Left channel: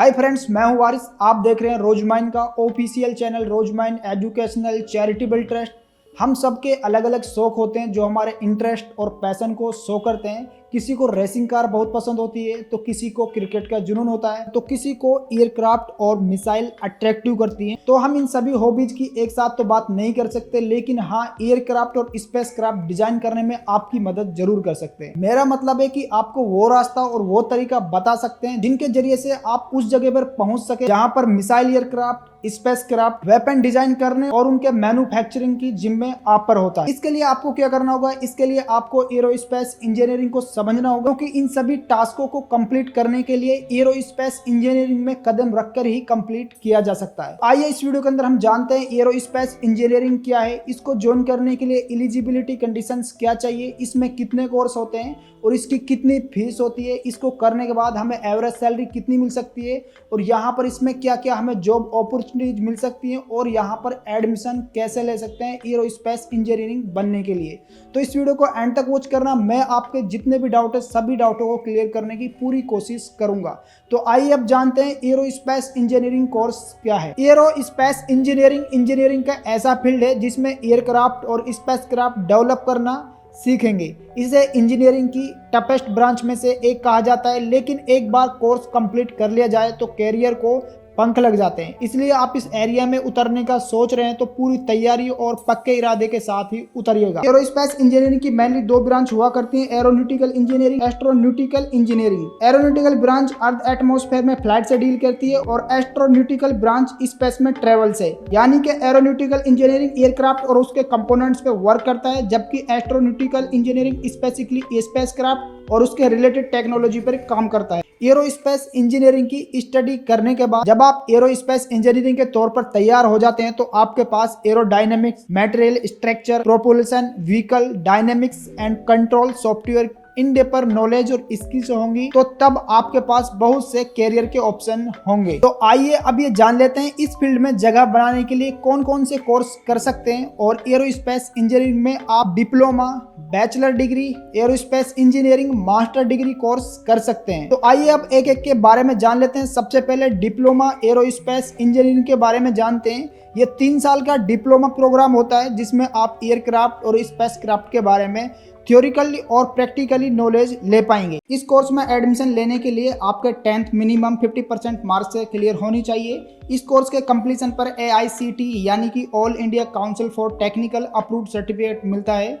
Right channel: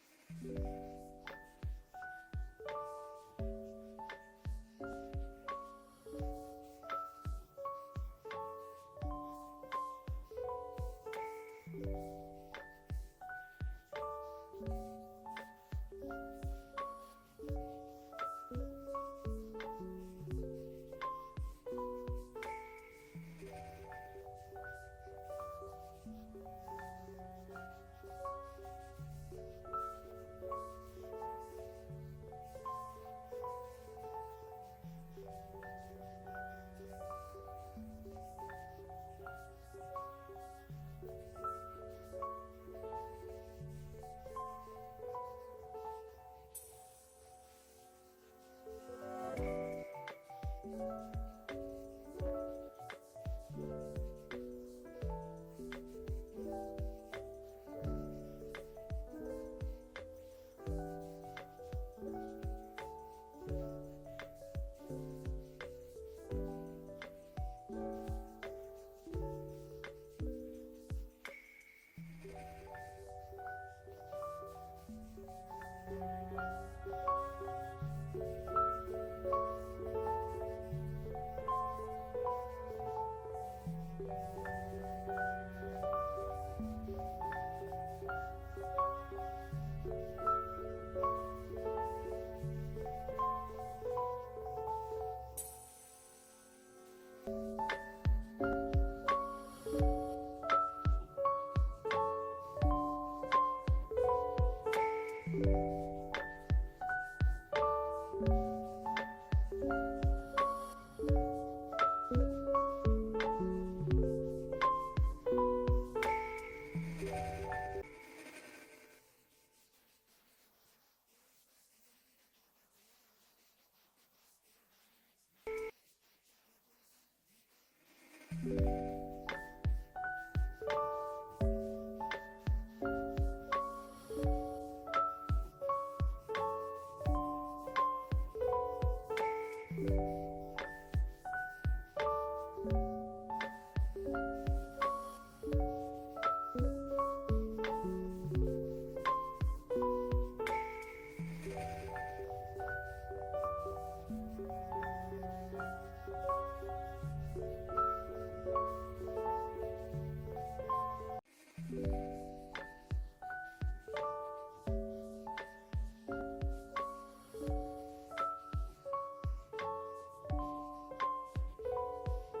Hi friends, मैं हूं वारिस। आप देख रहे हैं रोजमाइन का official channel Rosemine educational charitable trust. हम सबके अलग अलग शौक होते हैं जो हमारे इंटरेस्ट और पैशन को शो करते हैं। किसी को रेसिंग कार बहुत पसंद होती है, तो किसी को क्रिकेट का जुनून होता है, तो किसी को एयरक्राफ्ट और मिसाइल अट्रैक्टिव करती हैं। तो हम इन सभी हॉबीज की एक साथ तो बात नहीं कर सकते, लेकिन हाँ, एयरक्राफ्ट और स्पेस क्राफ्ट डिजाइन करने में आपकी मदद जरूर कर सकते हैं। मेरा मतलब है कि आपको वो रास्ता और वो तरीका बता सकते हैं जिनके जरिए से आप उस जगह पर पहुंच सके जहां पर missile aircraft, space craft, weapon design करने और उनके मैन्युफैक्चरिंग की जिम्मे आप पर होता है। इसके लिए आपको क्या करना होगा? इसके लिए आपको एरोस्पेस इंजीनियरिंग को समझना होगा, क्योंकि इन सभी टास्कों को कंप्लीट करने के लिए एरोस्पेस इंजीनियरिंग में कदम रखकर ही कंप्लीट किया जा सकता है। आइए इस वीडियो के अंदर हम जानते हैं एरोस्पेस इंजीनियरिंग क्या है, इसको ज्वाइन करने के लिए एलिजिबिलिटी कंडीशंस क्या चाहिए, इसमें कितने कोर्स होते हैं और इसकी कितनी फीस होती है, इसको करने के बाद हमें एवरेज सैलरी कितनी मिल सकती है और यहाँ पर इसमें क्या क्या हमें जॉब अपॉर्चुनिटीज मिल सकती है और यहाँ पर एडमिशन कैसे ले सकते हैं एरोस्पेस इंजीनियरिंग बनने के लिए। तो इस वीडियो को एंड तक वॉच करना। मैं आपके जितने भी डाउट है सभी डाउटों को क्लियर करने की पूरी कोशिश करूंगा। तो आइए अब जानते हैं एरोस्पेस इंजीनियरिंग कोर्स क्या है। एरोस्पेस इंजीनियरिंग का ऐसा फील्ड है जिसमें एयरक्राफ्ट और स्पेस क्राफ्ट डेवलप करना सीखेंगे। इसे इंजीनियरिंग की टफेस्ट ब्रांच में से एक कहा जाता है, लेकिन एक बार कोर्स कंप्लीट कर लिया जाए तो कैरियर को पंख लग जाते हैं। इसलिए आप इस एरिया में उतरने का सोच रहे हैं तो पूरी तैयारी और पक्के इरादे के साथ ही उतरिएगा। एरोस्पेस इंजीनियरिंग की मेनली दो ब्रांच हुआ करती है, aeronautical engineering, astronautical engineering. Aeronautical branch earth atmosphere में फ्लाइट से डील करती है और एस्ट्रोनॉटिकल ब्रांच स्पेस में ट्रेवल से, यानी कि एरोनॉटिकल इंजीनियरिंग एयरक्राफ्ट और उसके कंपोनेंट्स पे वर्क करता है, जबकि एस्ट्रोनॉटिकल इंजीनियरिंग स्पेसिफिकली स्पेसक्राफ्ट और उसके रिलेटेड टेक्नोलॉजी पर काम करता है। एरोस्पेस इंजीनियरिंग की स्टडी करने के बाद जब आप एरोस्पेस इंजीनियरिंग के तौर पर तैयार हो जाते हैं तो आपके पास aerodynamics, material structure, propulsion, vehicle dynamics and control software in deeper knowledge और स्किल्स होंगी। तो तब आपके पास बहुत से कैरियर के ऑप्शन होंगे। तो आइए अब ये जान लेते हैं इस फील्ड में जगह बनाने के लिए कौन कौन से कोर्स कर सकते हैं। और एरोस्पेस इंजीनियरिंग में आप diploma, bachelor degree, aerospace engineering master degree course कर सकते हैं। तो आइए अब एक एक के बारे में जान लेते हैं। सबसे पहले डिप्लोमा एरोस्पेस इंजीनियरिंग के बारे में जानते हैं। ये 3 साल का डिप्लोमा प्रोग्राम होता है जिसमें आप एयरक्राफ्ट और स्पेस क्राफ्ट के बारे में थ्योरिकली और प्रैक्टिकली नॉलेज ले पाएंगे। इस कोर्स में एडमिशन लेने के लिए आपके 10th मिनिमम 50% मार्क्स से क्लियर होनी चाहिए। इस कोर्स के कंप्लीशन पर AICTE यानी कि all India council for technical approved certificate मिलता है।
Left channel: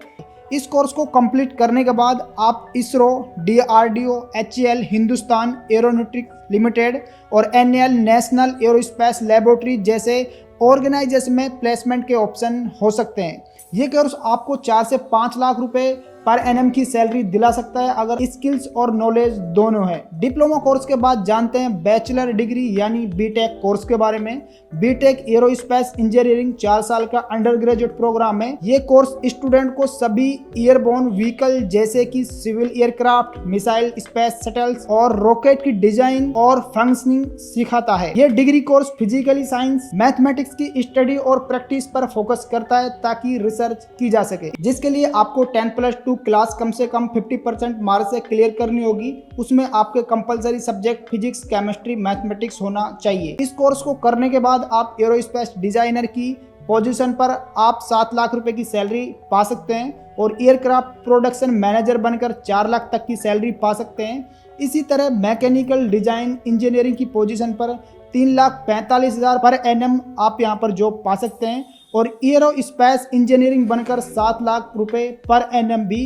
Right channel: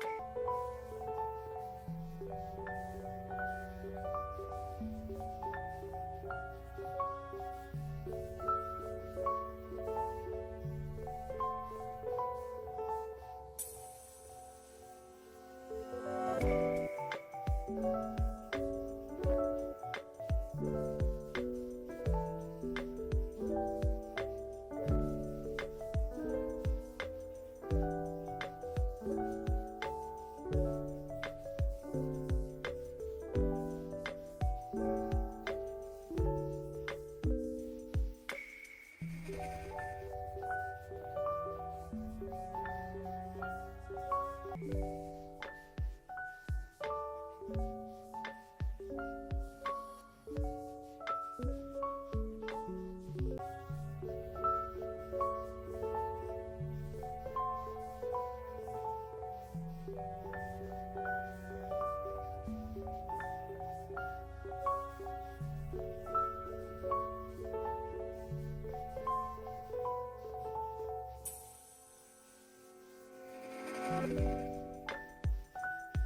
इस कोर्स को कंप्लीट करने के बाद आप ISRO, DRDO, HAL Hindustan aeronautics limited और NAL नेशनल एरोस्पेस लेबोरेटरी जैसे ऑर्गेनाइजेशन में प्लेसमेंट के ऑप्शन हो सकते हैं। ये कोर्स आपको 4 से 5 लाख रुपए पर एनएम की सैलरी दिला सकता है अगर स्किल्स और नॉलेज दोनों है। डिप्लोमा कोर्स के बाद जानते हैं बैचलर डिग्री यानी बीटेक कोर्स के बारे में। बीटेक एरोस्पेस इंजीनियरिंग 4 साल का अंडर ग्रेजुएट प्रोग्राम है। ये कोर्स स्टूडेंट को सभी एयरबोर्न व्हीकल जैसे कि civil aircraft, missile, space shuttles और रॉकेट की डिजाइन और फंक्शनिंग सिखाता है। ये degree course physically science, mathematics की स्टडी और प्रैक्टिस पर फोकस करता है ताकि रिसर्च की जा सके, जिसके लिए आपको 10+2 क्लास कम से कम 50% मार्क्स से क्लियर करनी होगी। उसमें आपके compulsory subject physics, chemistry, mathematics होना चाहिए। इस कोर्स को करने के बाद आप एरोस्पेस डिजाइनर की पोजीशन पर आप 7 लाख रुपए की सैलरी पा सकते हैं और एयरक्राफ्ट प्रोडक्शन मैनेजर बनकर 4 लाख तक की सैलरी पा सकते हैं। इसी तरह मैकेनिकल डिजाइन इंजीनियरिंग की पोजीशन पर 3,45,000 पर एनएम आप यहां पर जॉब पा सकते हैं और एरोस्पेस इंजीनियरिंग बनकर 7 लाख रुपए पर एनएम भी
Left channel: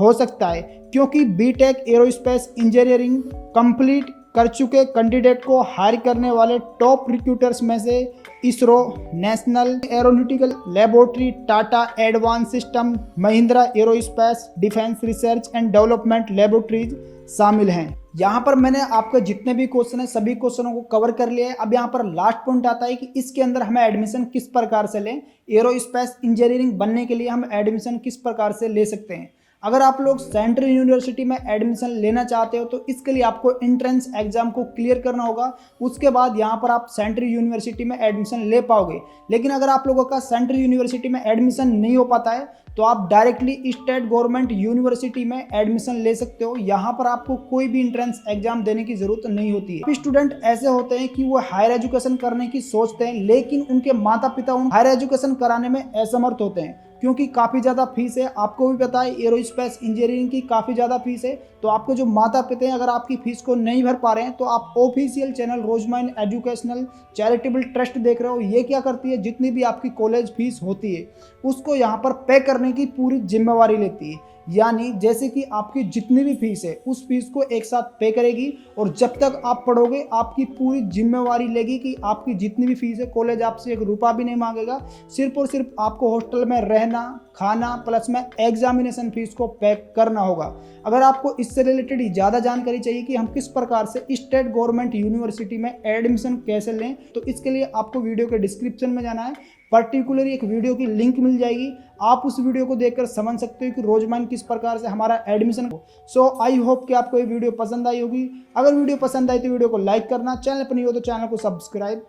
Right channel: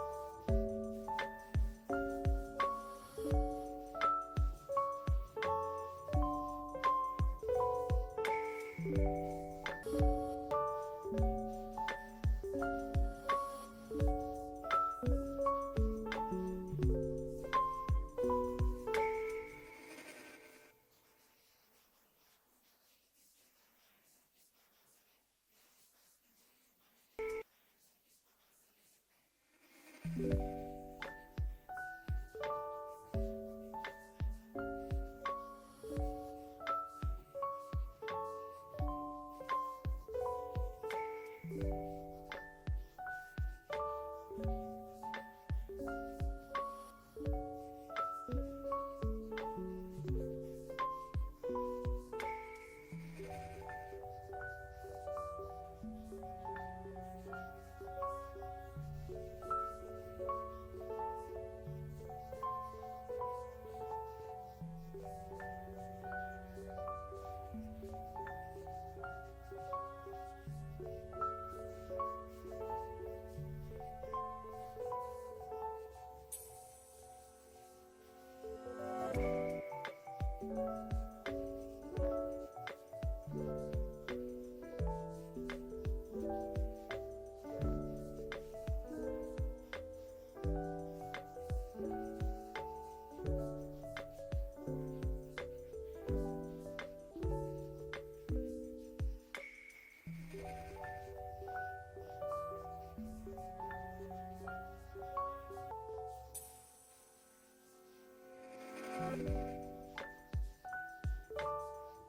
हो सकता है, क्योंकि बीटेक एरोस्पेस इंजीनियरिंग कंप्लीट कर चुके कैंडिडेट को हायर करने वाले टॉप रिक्रूटर्स में से ISRO, national aeronautical laboratory, Tata advance system, Mahindra aerospace defence research and development laboratories शामिल हैं। यहाँ पर मैंने आपके जितने भी क्वेश्चन है सभी क्वेश्चनों को कवर कर लिया है। अब यहाँ पर लास्ट पॉइंट आता है कि इसके अंदर हमें एडमिशन किस प्रकार से लें। एरोस्पेस इंजीनियरिंग बनने के लिए हम एडमिशन किस प्रकार से ले सकते हैं। अगर आप लोग सेंट्रल यूनिवर्सिटी में एडमिशन लेना चाहते हो तो इसके लिए आपको एंट्रेंस एग्जाम को क्लियर करना होगा। उसके बाद यहाँ पर आप सेंट्रल यूनिवर्सिटी में एडमिशन ले पाओगे। लेकिन अगर आप लोगों का सेंट्रल यूनिवर्सिटी में एडमिशन नहीं हो पाता है तो आप डायरेक्टली स्टेट गवर्नमेंट यूनिवर्सिटी में एडमिशन ले सकते हो। यहाँ पर आपको कोई भी एंट्रेंस एग्जाम देने की जरूरत नहीं होती है। स्टूडेंट ऐसे होते हैं कि वो हायर एजुकेशन करने की सोचते हैं, लेकिन उनके माता पिता उन हायर एजुकेशन कराने में असमर्थ होते हैं क्योंकि काफ़ी ज़्यादा फीस है। आपको भी पता है एरोस्पेस इंजीनियरिंग की काफ़ी ज़्यादा फीस है। तो आपको जो माता पिता हैं, अगर आपकी फीस को नहीं भर पा रहे हैं तो आप official channel Rosemine educational charitable trust देख रहे हो। ये क्या करती है, जितनी भी आपकी कॉलेज फीस होती है उसको यहाँ पर पे करने की पूरी जिम्मेवारी लेती है। यानी जैसे कि आपकी जितनी भी फीस है उस फीस को एक साथ पे करेगी और जब तक आप पढ़ोगे आपकी पूरी जिम्मेवारी लेगी कि आपकी जितनी भी फीस है, कॉलेज आपसे एक रुपया भी नहीं मांगेगा। सिर्फ और सिर्फ आपको हॉस्टल में रहना, खाना प्लस में एग्जामिनेशन फीस को पे करना होगा। अगर आपको इससे रिलेटेड ज़्यादा जानकारी चाहिए कि हम किस प्रकार से स्टेट गवर्नमेंट यूनिवर्सिटी में एडमिशन कैसे लें, तो इसके लिए आपको वीडियो के डिस्क्रिप्शन में जाना है। पर्टिकुलरली एक वीडियो की लिंक मिल जाएगी, आप उस वीडियो को देखकर समझ सकते हो कि रोजमाइन किस प्रकार से हमारा एडमिशन। सो आई होप कि आपको ये वीडियो पसंद आई होगी। अगर वीडियो पसंद आई तो वीडियो को लाइक करना, चैनल पर नहीं हो तो चैनल को सब्सक्राइब